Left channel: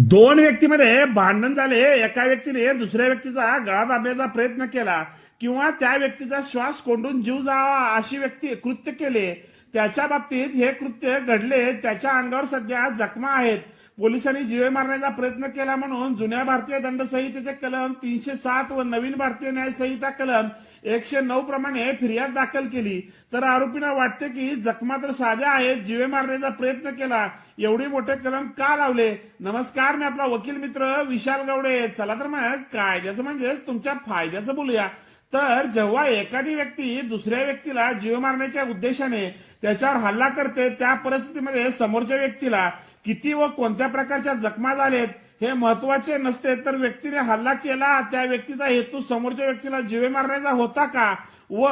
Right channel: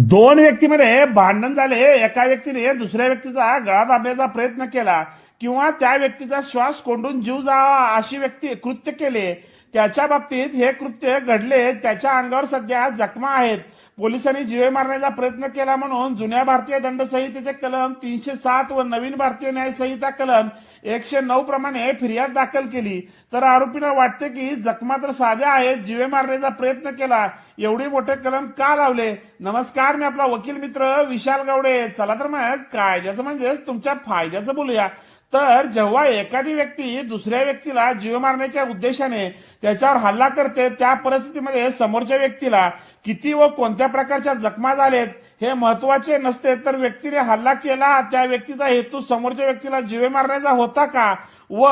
दोन व्यक्तीमध्ये भांडण झाले. एका व्यक्तीने दुसऱ्या व्यक्तीचा गळा दाबण्याचा प्रयत्न केला किंवा त्या व्यक्तीचा श्वास कोंडून जीव जावा अशी व्यक्ती कृत्य केले. त्याच्या बाबतीत हे कृत्य घडले. त्याच्या अंगावर सध्या जखमा आहेत. पोलिसांनी जीवे मारण्याचा प्रयत्न केला म्हणून जुन्या भारतीय दंड संहितेचे कलम 307 व नवीन भारतीय न्याय संहिता कलम 109 प्रमाणे फिर्याद दाखल केली. तर आरोपींना वाटते की जखमा तर साध्या आहेत, जीवे मारण्याचा प्रयत्न केला, एवढी मोठे कलम का लावले. नमस्कार, मी आपला वकील मित्र विशाल गावडे. चला तर मग कायद्याचं म्हणजेच तुमच्या फायद्याचं बोलूया. तर जेव्हा एखादी व्यक्ती दुसऱ्या व्यक्तीला जीव मारण्याच्या उद्देशाने त्याच्यावर हल्ला करते, त्या परिस्थितीमध्ये समोरच्या व्यक्तीला किती व कोणत्या प्रकारच्या जखमा झालेत हे महत्वाचे नसते, तर व्यक्तीने हल्ला केला त्या व्यक्तीचा हेतू समोरच्या व्यक्तीला जीवे मारण्याचा होता का व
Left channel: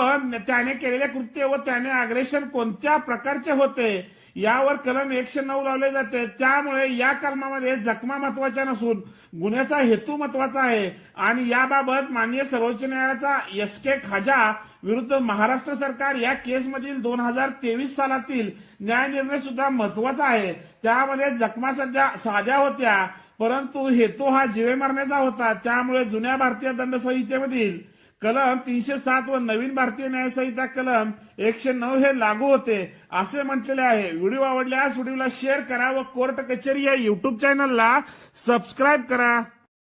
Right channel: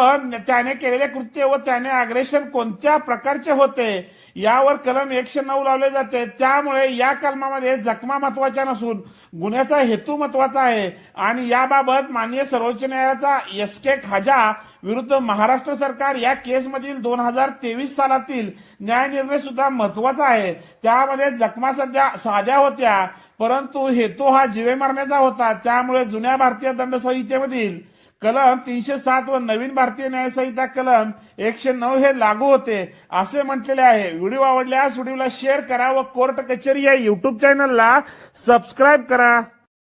त्याने केलेले कृत्य व त्याने अग्रेशन कोणत्या प्रकारचे होते यावर कलम 109 लावले जाते. त्यामुळे या कलमामध्ये जखमा महत्वाच्या नसून गुन्ह्याचा हेतू महत्वाचा आहे. आणि याबाबत माननीय सर्वोच्च न्यायालयाचा एस.के. खाजा विरुद्ध महाराष्ट्र सरकार या केसमधील 2023 सालातील न्याय निर्णय सुद्धा महत्वाचा आहे. त्यामध्ये जखमा सध्या साध्या होत्या परंतु हेतू हा जीवे मारण्याचा होता. त्यामुळे जुन्या भारतीय दंड संहितेमधील कलम 307 व नवीन भारतीय न्याय संहिता कलम 109 हे लागू होते असे म्हटलेले आहे. व्हिडिओ आवडल्यास व्हिडिओला शेअर करा व कोर्ट कचेरी या युट्यूब चॅनलला सबस्क्राईब करा.